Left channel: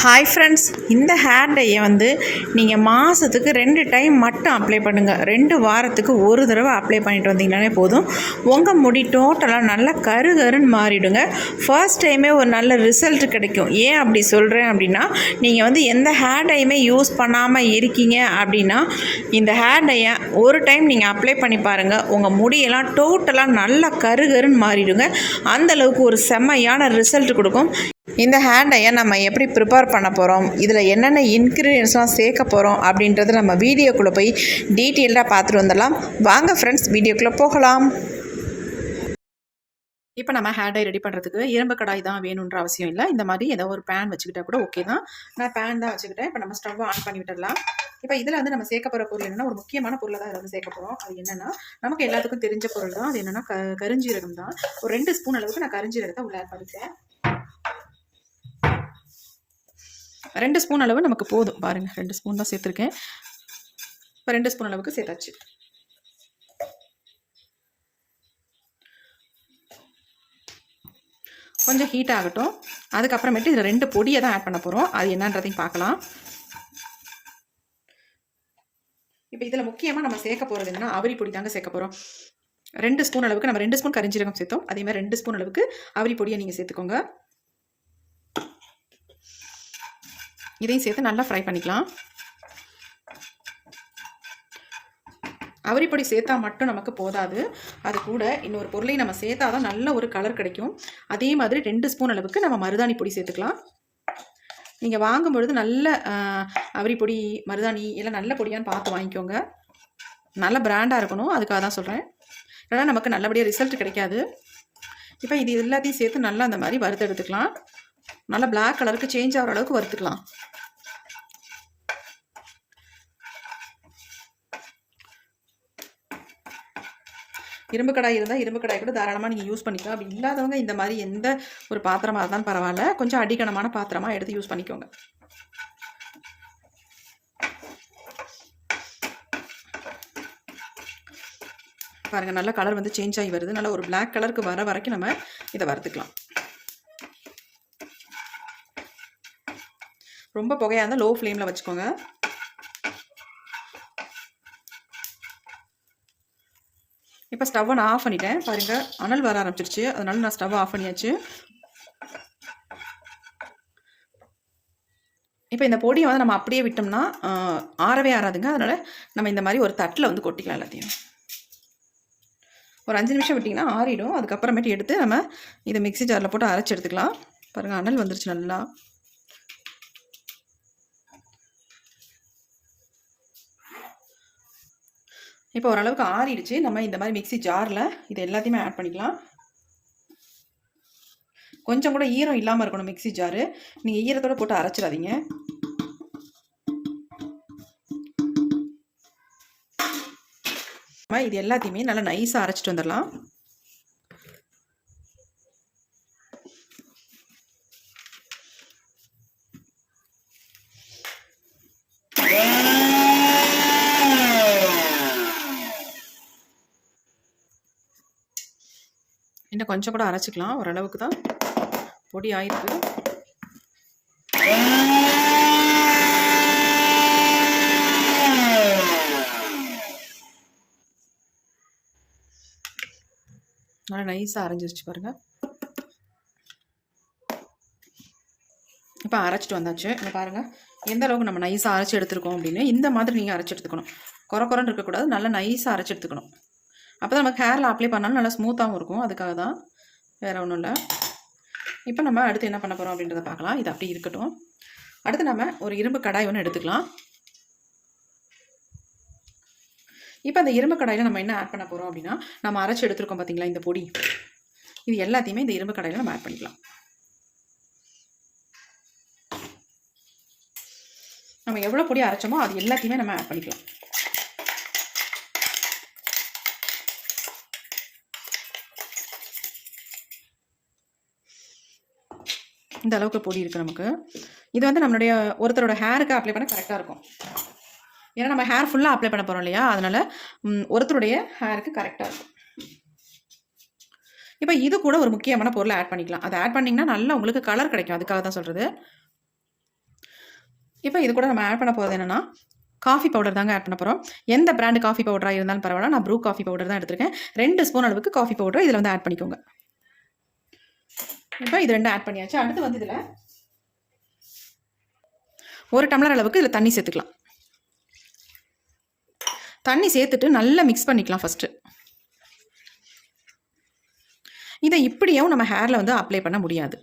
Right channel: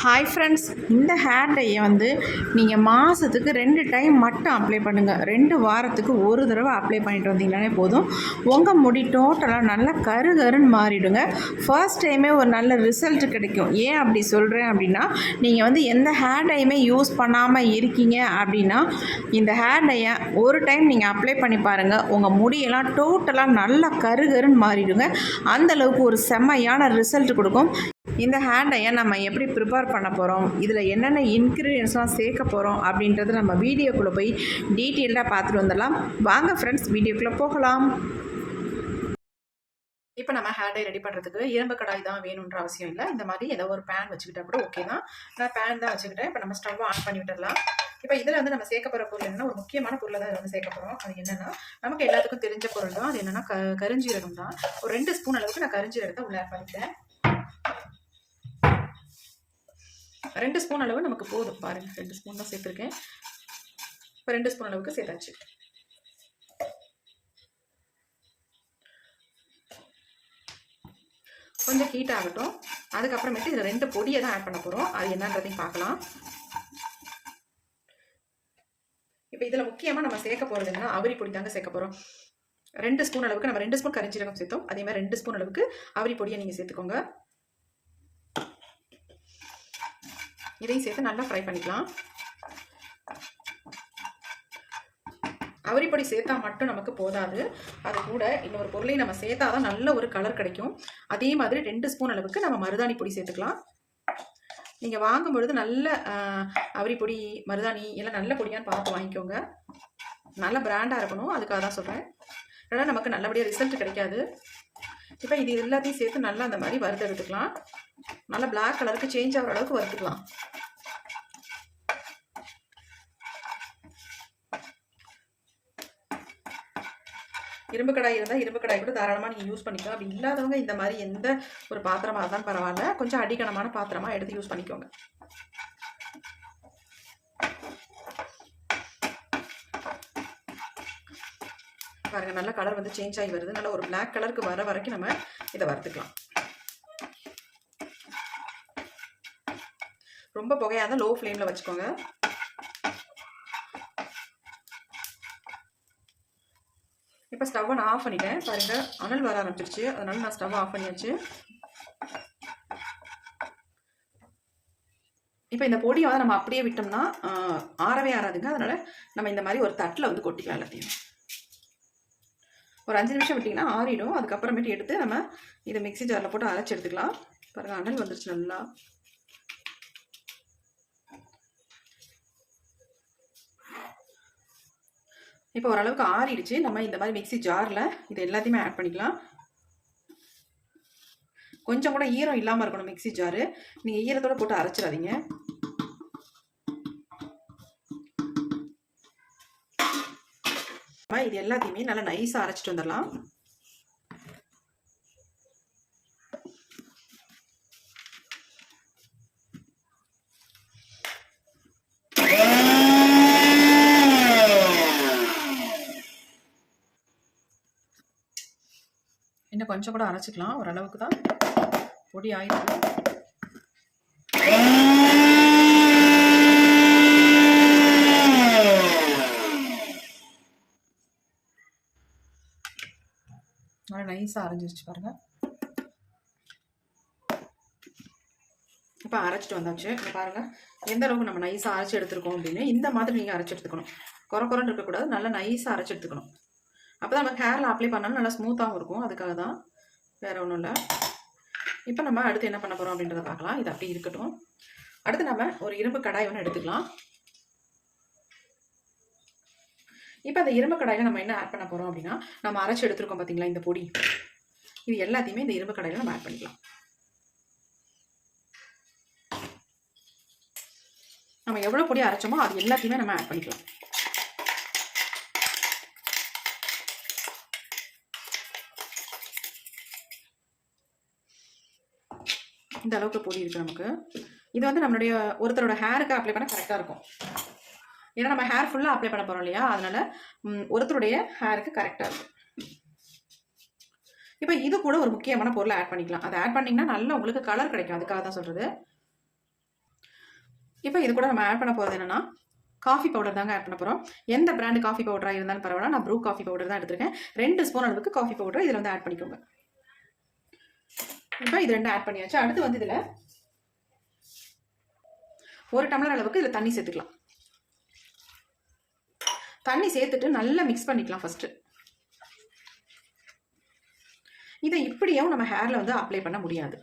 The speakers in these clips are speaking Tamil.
ஹாய் ஃப்ரெண்ட்ஸ் இந்த ஹேர் டையை வந்து நீங்கள் மாதத்துக்கு ரெண்டு டைம் மட்டும் அப்ளை பண்ணுங்கள் ரெண்டு வாரத்துக்கு ஒரு தடவை அப்ளை பண்ணிட்டு வந்தீங்கனாலே போதும். உங்கள் முடி டோட்டலாக நல்லா கரு கருன்னு மாறிடுங்க. ஃபர்ஸ்ட் டைமே ஒரு நல்ல ரிசல்ட் கிடைக்கும். ஏன் அப்படி சொல்கிறேன் அப்படின்னா நீங்கள் வந்து எந்த ஹேர் டையுமே யூஸ் பண்ணாமல் இருக்கீங்க அப்படின்னா இந்த ஹேர் டையை ஒரு டைம் நீங்கள் அப்ளை பண்ணி பாருங்கள் உங்கள் முடியெல்லாம் டோட்டலாக நல்லா கரு கருன்னு மாறிடுங்க. அந்த அளவுக்கு ஒரு செம்மையான ரிசல்ட் கொடுக்கும். இந்த ஹேண்டையை நம்ம எப்படி ப்ரிப்பேர் பண்ண போகிறோம் இதில் என்னென்ன இன்க்ரீடியன்ஸ்லாம் சேர்க்க போகிறோம் அப்படின்றத நம்ம வீடியோக்குள்ளே போய் டீட்டெயில்டாக பார்த்துட்டு வந்துடலாம். வாங்க ஃப்ரெண்ட்ஸ் வீடியோக்குள்ளே போகலாம். இப்போ நம்ம ஹேண்ட் டை ரெடி பண்ணுறதுக்கு இரும்பு கடாய் தான் வேணுன்ற அவசியம் இல்லை. இந்த மாதிரி ஏதோ ஒரு பேன் வச்சுக்கிட்டா கூட ஓகே தான். நான் பேன் தான் வச்சுக்கிட்டேன். இப்போ நம்ம ஸ்டவ் ஆன் பண்ணி விட்டுடலாம். இப்போ இதில் வந்து நம்ம சேர்க்க போகிற பொருள் என்னென்னா ஒரு முக்கியமான பொருளை தான் வந்து சேர்க்க போகிறோம் அது என்னென்னா நமக்கு எல்லாத்துக்கும் தெரிஞ்ச பொருள் தான். அது என்னென்னா க கருஞ்சீரகம் தான். ஒரு ரெண்டு ஸ்பூன் அளவுக்கு நான் கருஞ்சீரகத்தை உள்ளே ஆட் பண்ணிட்டேன் ரெண்டு ஸ்பூன் அளவு நமக்கு போதும். பாருங்கள் ரெண்டு ஸ்பூன் தான் சேர்த்துருக்கேன். இப்போ ரெண்டு ஸ்பூன் அளவுக்கு சேர்த்தாச்சு. கொஞ்சம் ஹீட் ஆகட்டும். அதுக்கப்புறமேட்டு இதில் ரெண்டு பொடியை தான் ஆட் பண்ண போகிறோம் அது என்னன்றதையும் பார்க்கலாம். இப்போ இதில் முக்கியமாக நம்ம சேர்க்க போகிறது என்னன்னா அவரி பொடி தாங்க சேர்க்க போகிறோம் ரெண்டு ஸ்பூன் அளவுக்கு நம்ம ரெண்டு ஸ்பூன் கரிஞ்சீரகம் சேர்த்தோம். அதே மாதிரி ரெண்டு ஸ்பூன் அளவுக்கு அவரி பொடியை நீங்கள் சேர்த்துக்கோங்க. இதையும் சேர்த்து நல்லா ஃப்ரை பண்ணிக்கலாம். அவரிப்பொடி சேர்த்தா மட்டும் நமக்கு போதாது. அது கூட இன்னொரு பொருளையும் நம்ம சேர்த்தா தான் நல்ல ஒரு கலர் கிடைக்கும். அதே மாதிரி ரெண்டு ஸ்பூன் அளவுக்கு நம்ம மருதாணி பொடி சேர்த்துக்கலாம். நீங்கள் வாங்கும் பொழுது நல்ல அவரி பொடி மருதாணி எல்லாம் நல்ல பொடியான்னு பார்த்து வாங்கிக்கோங்க. நல்ல பிராண்டாக இருக்கணும். அதுக்காக தான் சொல்கிறேன் ஏன்னா நமக்கு நல்லபடியாக ரிசல்ட் கிடைக்காது. இப்போ இது எல்லாத்தையும் சேர்த்து நல்லா அந்த மாதிரி வறுத்து எடுத்துக்கலாம் நல்லா பிளாக் கலருக்கு சேஞ்ச் ஆகிற அளவுக்கு வறுத்துக்கலாம். இரும்பு கடாய் இருந்தால் இரும்பு கடாய் கூட தாராளமாக நீங்கள் யூஸ் பண்ணிக்கலாம். அப்படி இல்லாதவங்க இந்த மாதிரி எந்த ஒரு பாத்திரமாக இருந்தாலும் பரவாயில்ல. கொஞ்சம் அடிக்கணமான பாத்திரமாக எடுத்து யூஸ் பண்ணிக்கோங்க. பாருங்கள் நல்ல கலர் வந்து சேஞ்ச் ஆகி வருது. நல்லா ஒரு பிளாக் கலருக்கு வர வரைக்கும் நம்ம இதை வறுத்துக்கலாம். ரொம்ப புகையாக இருந்தால் லோ ஃப்ளேமில் வச்சுக்கோங்க. இப்போ ஸ்டவ்வை நான் ஆஃப் பண்ணிட்டேன். பாருங்கள் அனல் வர ஆரம்பிச்சிருச்சு. அதனால நான் ஸ்டவ் ஆஃப் பண்ணியாச்சு. இப்போ இந்த பொடியை வந்து நம்ம அப்படியே விட்டோம்னா ஆறவே ஆறாதுங்க. அதனால் நம்ம இந்த மாதிரி ஒரு தட்டில் வந்து கொட்டிக்கலாம் எல்லாத்தையும். ஒரு அஞ்சு நிமிஷம் விட்டிங்கன்னா ஆறிடும். அதுக்கப்புறமேட்டு எடுத்து நம்ம இதை மிக்சி ஜாரில் போட்டு அரைச்சி எடுத்துக்கலாம். பாருங்கள் அனல் வந்துருச்சு நல்லா. இப்போ ஓரளவுக்கு ஆறிடுச்சு. நம்ம இந்த மாதிரி மிக்சி ஜாரில் இது எல்லாத்தையுமே ஆட் பண்ணிக்கலாம். கொஞ்சம் கூட ஈரம் இல்லாமல் இருக்கணும் மிக்சி ஜாரு. நீங்கள் ஈரத்தோடு போட்டு அரைச்சிடாதீங்க. இது எல்லாத்தையுமே நல்லா நைஸாக அரைச்சிட்டு வந்துடலாம். Yeah. கொஞ்சம் கூட அரைச்சிக்கலாம். ஓரளவுக்கு தான் பொடி ஆயிருக்கு. நல்லா நைஸாக அரைஞ்சிருச்சு பாருங்கள் இப்போ அரைச்சிட்டு வந்தாச்சு. இப்போ பாருங்கள் எந்த அளவுக்கு நம்ம நைஸாக அரைச்சி எடுத்துருக்கோம் அப்படின்னு இந்த மாதிரி நீங்கள் அரைச்சி எடுத்துக்கணும். குறை குறைன்னு இருக்கக்கூடாது. நல்லா நைஸாக அரைச்சி எடுத்துக்கணும். அப்போ தான் நமக்கு ஹேரில் அப்ளை பண்ணாலும் நல்லா ஸ்மூத்தாகவும் இருக்கும். அதுக்காக தான் வேறு ஒன்றும் இல்லை. இப்போ நம்ம அடுத்து என்ன பண்ண போகிறோம் அப்படின்றத பார்க்கலாம். இது அப்படி இருக்கட்டும். அடுத்து நம்ம ஒரு இரும்பு கடாய் ஒன்று எடுத்துக்கலாம். இப்போ அந்த இரும்பு கடாயில் நம்ம என்ன ஆட் பண்ண போகிறோம் அப்படின்னா நம்ம அரைச்சி எடுத்துருக்கோம் பார்த்தீங்களா இந்த பொடி. இது எல்லாத்தையுமே இந்த இரும்பு கடாயில் நம்ம ஆட் பண்ணிக்கலாம். நம்ம எவ்வளோ பொடி அரைச்சோமோ அது எல்லாத்தையுமே நம்ம ஆட் பண்ணிக்கலாம். இந்த அளவுக்கு பொடி இருக்குது நமக்கு. இது வந்து நம்மளுடைய ஒருத்தரோட ஹேருக்கு அப்ளை பண்ண கரெக்டாக இருக்கும். ஏன்னா நம்ம ஹேர் ஃபுல்லாக அப்ளை பண்ண போகிறோம் இல்லையா? அதனால் ஒருத்தருடைய ஹேருக்கு கரெக்டாக இருக்கும். இப்போ இது கூட ஒரு முக்கியமான பொருளை ஆட் பண்ணிக்கலாம். அதை ஆட் பண்ணிங்கன்னா நல்லா உங்களுக்கு கலர் கிடைக்கும். அதுக்காக தான் சொல்கிறது இப்போ இது கூட நம்ம ஆட் பண்ண போகிறது என்னென்னா காஃபி பவுடர் தாங்க ஆட் பண்ண போகிறோம் எந்த பிராண்டு காஃபி பவுடராக இருந்தாலும் பரவாயில்ல. நான் ப்ரூ காஃபி பவுடர் தான் எடுத்திருக்கேன். ரெண்டு ஸ்பூன் அளவுக்கு காஃபி பவுடர் இதில் வந்து ஆட் பண்ணிக்கோங்க. இப்போ இது ரெண்டும் ஆட் பண்ணியாச்சு. அடுத்து வந்து இதில் ஒரு டம்ளர் அளவுக்கு இதில் தண்ணி சேர்த்துக்கலாம். தண்ணி சேர்த்துட்டு நல்லா மிக்ஸ் பண்ணிக்கலாம் ஃபஸ்ட்டு இதை இப்படியும் நம்ம ஹேரில் வந்து அப்ளை பண்ண முடியாது.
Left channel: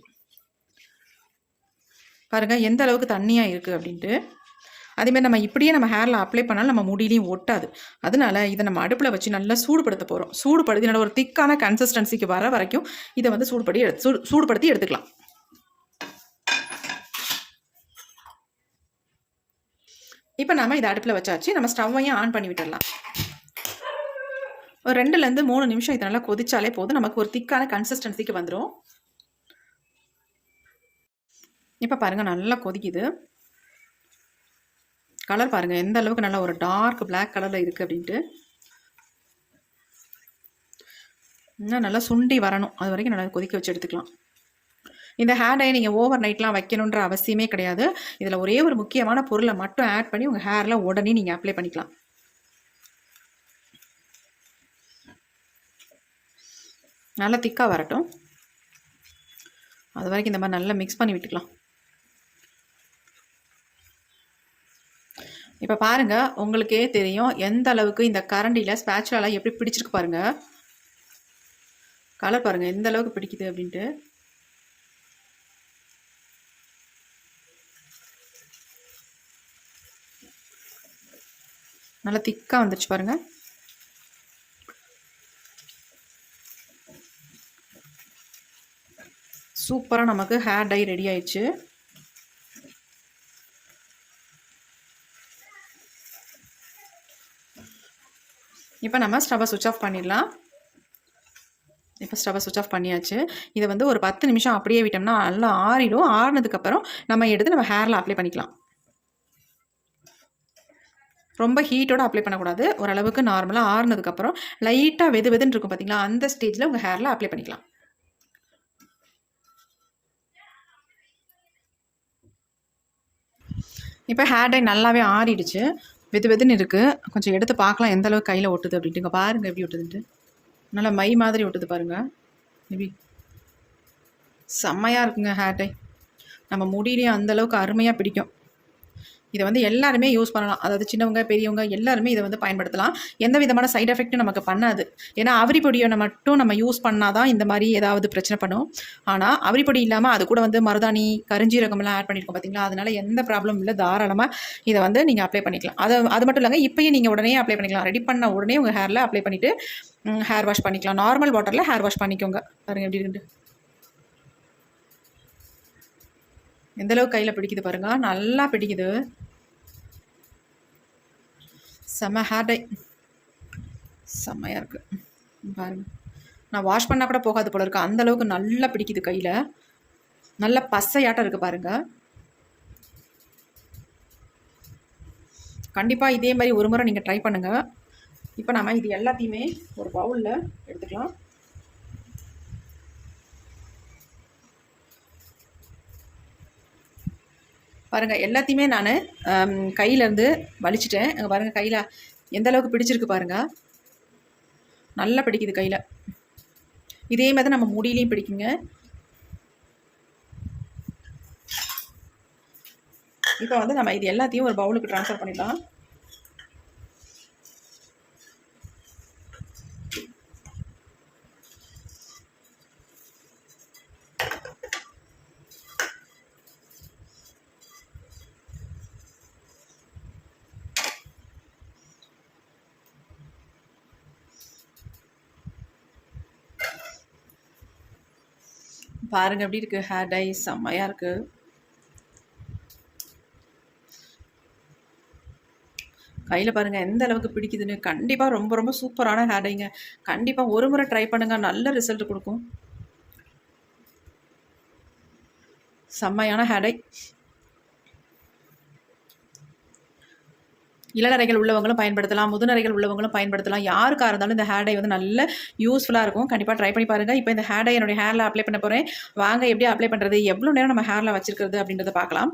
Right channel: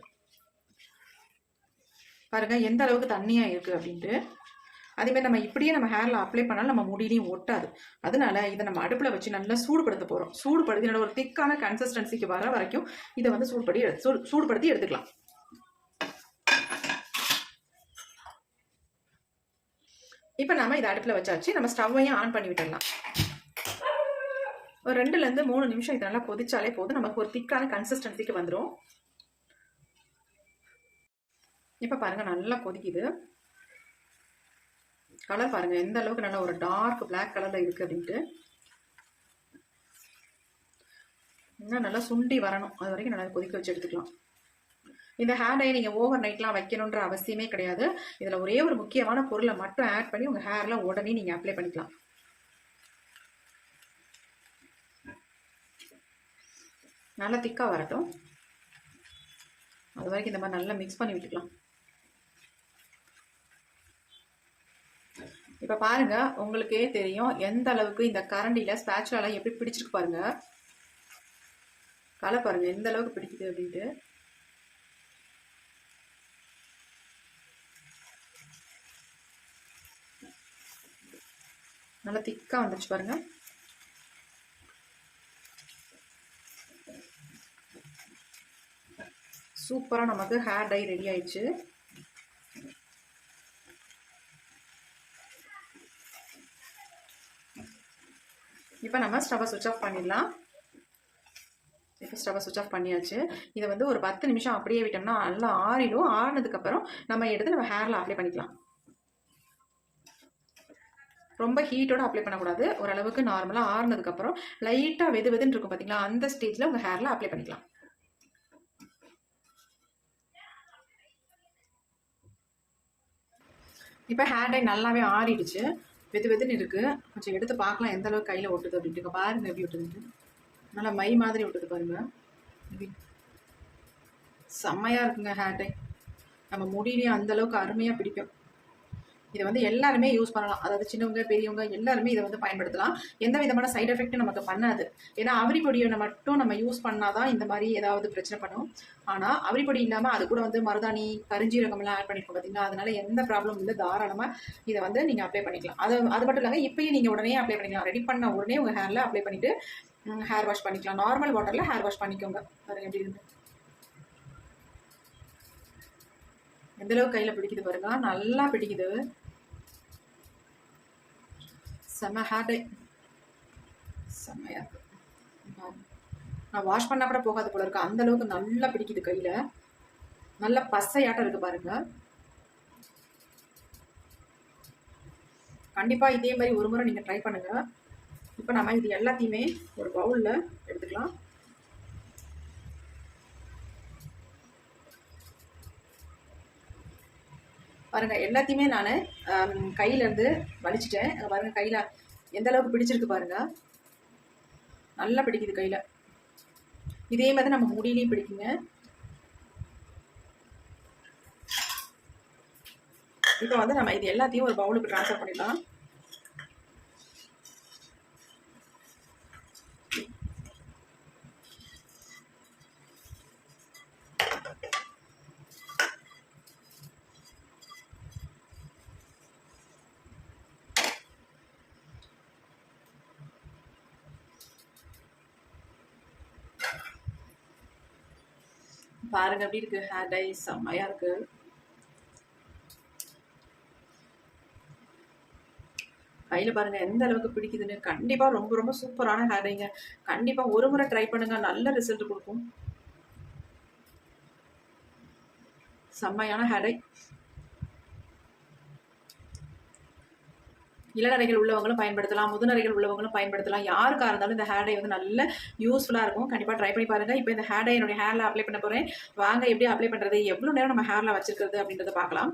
பாருங்கள் எந்த அளவுக்கு தண்ணியாக இருக்குது அப்படின்ட்டு. அதேமாதிரி நம்ம இப்படியே நம்ம ஹேரில் அப்ளை பண்ணாலும் நம்ம முடியிலையும் ஒட்டாது. அதனால இதை நம்ம அடுப்பில் வச்சு நல்லா சூடுபடுத்த போகிறோம் சூடுபடுத்தி என்னோட ஒரு திக்கான கன்சிஸ்டன்சிக்கு வர வரைக்கும் இதை வந்து சூடுபடி எடுத்து சூடு சூடுபடுத்தி எடுத்துக்கலாம். இப்போ நம்ம இதை அடுப்பில் வச்சாச்சு. நம்ம ஸ்டவ்வையும் ஆன் பண்ணி விட்டுடலாம். ஒரு ரெண்டுலேருந்து மூணு நிமிஷம் இதை நல்லா கொதிச்சாலே போதும். நமக்கு ஒரு திக்கான கன்சிஸ்டன்சிக்கு வந்துடும் இப்போ பாருங்கள் நல்லா கொதிக்குது. கலர் பாருங்கள் எந்த அளவுக்கு நல்ல ஒரு டார்க் பிளாக் கலரில் இருக்குது அப்படின்ட்டு. இன்னும் நல்லா சுண்டி வரணும். அது வரைக்கும் நல்லா கொதிக்க வச்சு எடுத்துக்கலாம். இந்த ஹேர் டை நீங்கள் ஓவர் நைட்லாம் வைக்கணுன்ற அவசியமே கிடையாது. இதில் ஒரே ஒரு முக்கியமான பொருளை மட்டும் ஆட் பண்ணி உங்கள் ஹேரில் உடனே நீங்கள் அப்ளை பண்ணிக்கலாம். நல்லா திக்காக வரட்டும். அது வரைக்கும் இந்த மாதிரி நல்லா மிக்ஸ் பண்ணி விட்டுக்கலாம். இப்போ பாருங்கள் உங்களுக்கே தெரியும் எந்த அளவுக்கு இந்த கரண்டியில் ஸ்பேச்சுலாலாம் எப்படி பிடிச்சிருக்கு பாருங்கள் கலர் பாருங்கள் எந்த அளவுக்கு பிடிக்குது அப்படின்ட்டு. நல்லா திக்காக வந்துருச்சு பாருங்கள் சூப்பராக நமக்கு ஹேர் டை ரெடி ஆயிடுச்சு. இப்போ நம்ம ஸ்டவ்வை சுவிச் ஆஃப் பண்ணிடலாம். இப்போ ஸ்டவ்வை சுவிச் ஆஃப் பண்ணியாச்சு. இதை வந்து ஒரு பத்து நிமிஷம் அப்படியே விட்டோம்னா நல்லா ஆறிடும். ஆறினதுக்கப்புறம் நம்ம எடுத்து நம்ம ஹேரில் அப்ளை பண்ணிக்கலாம். ரொம்ப ஹீட்டோட அப்ளை பண்ணக்கூடாது. ஓரளவுக்கு நார்மலாக ஆறுனதுக்கப்புறம் லைட்டாக வெது வெதுன்னு இருக்கும் பார்த்தீங்களா அந்த ஸ்டேஜில் உங்கள் ஹேரில் அப்ளை பண்ணிக்கலாம். இப்போ ஹேர் டை நல்லாவே ஆறிடுச்சு. வெது வெதுன்னு இருக்குது கொஞ்சம் எடுத்து பார்க்கலாம் எந்த அளவுக்கு கையில் ஒட்டுது அப்படின்ட்டு. இங்கே பாருங்கள் எப்படி ஒட்டுதுன்ட்டு நல்லா மை மாதிரி ஒட்டுது பாருங்கள் மேபி செம்மையாக இருக்குங்க ஹேர் டை நம்ம முடியிலையும் அந்தளவுக்கு அருமையாக பிடிக்கும். இதை வந்து எல்லாருமே யூஸ் பண்ணலாம். அதாவது சின்னவங்க பெரியவங்க எல்லாருமே இதை வந்து பயன்படுத்தலாம். எந்த விதமான சைட் எஃபெக்ட்டும் நமக்கு பண்ணாது. ஏன்னா அவரி பொடியை மட்டும் நம்ம யூஸ் பண்ணால் தான் இந்த மாதிரி ஏதாவது பிரச்சனை பண்ணும். ஆனால் அவரி பொடி இல்லாமல் அது கூட வந்து மருதாணி கருஞ்சீரகம்லாம் ஆட் பண்ணியிருக்கோம் பார்த்தீங்களா அதனால எந்த ப்ராப்ளம் இல்லை. தாராளமாக இதை வந்து நீங்கள் அப்ளை பண்ணிக்கலாம். அது அது மட்டும் இல்லைங்க இப்போயும் நீங்கள் உடனே அப்ளை பண்ணிக்கலாம். ரெடி பண்ண உடனே உங்கள் ஹேரில் அப்ளை பண்ணிவிட்டு ஹேர் வாஷ் பண்ணிக்கலாம். நார்மல் வாட்டரில் ஹேர் வாஷ் பண்ணிக்கோங்க. பாருங்கள் எப்படி இருக்கு எந்த அளவுக்கு கையில் பிடிக்குது பாருங்க. நல்லா பிடிக்குது. செம்ம ஹேர் டை செம்மையாக இருக்குது பாருங்க. நான் வாஷ் பண்ணால் கூட போகாது போல இருக்கு. அந்த அளவுக்கு நல்லா பிடிக்குது கையில். நல்ல பசையாட்டம் இருக்குது பாருங்கள் கண்டிப்பாக இதே மாதிரி ஒரு முறை நீங்கள் ட்ரை பண்ணுங்கள் இப்போ நம்ம இது எல்லாத்தையுமே ஒரு பவுலில் எடுத்துக்கலாம். பாருங்கள் எல்லாத்தையுமே நான் கையிலேருந்து வலிச்சிட்டேன். அங்கே பாருங்கள் கையில் எந்த அளவுக்கு பிடிச்சிருக்கு பாருங்கள் நல்லா பிடிக்குது கையில். இதே மாதிரி நம்ம முடியிலையும் பிடிக்குங்க. இப்போ வந்து நம்ம இது எல்லாத்தையும் ஒரு பவுலுக்கு ட்ரான்ஸ்ஃபர் பண்ணிடலாம். பாருங்க எப்படி இருக்கு? ஹேர் டை செம்மையா இருக்கு. கையில் பாருங்கள் எந்த அளவுக்கு பிடிக்குதுன்னு. கண்டிப்பாக ரொம்ப ரொம்ப சூப்பரான ஹேர் டைங்க கண்டிப்பாக ஒரு முறை ட்ரை பண்ணுங்கள் நல்ல ரிசல்ட் கொடுக்கும். செம்மையான ஹேர் டை இளநரைகள் உள்ளவங்களும் பயன்படுத்தலாம் முதுநரைகள் உள்ளவங்களும் பயன்படுத்தலாம். யாருக்காக இருந்தாலும் இந்த ஹேர் டை வந்து நல்ல யூஸ்ஃபுல்லாக இருக்கும். கண்டிப்பாக ட்ரை பண்ணி பாருங்கள் இப்போ இந்த ஹேர் டை என்னுடைய ஹேரில் அப்ளை பண்ண போகிறேன் வாங்க எப்படி அப்ளை பண்ணுறது எவ்வளோ நேரம் நம்ம ஹேரில் வச்சிருக்கிறது அப்படின்றத பார்க்கலாம்.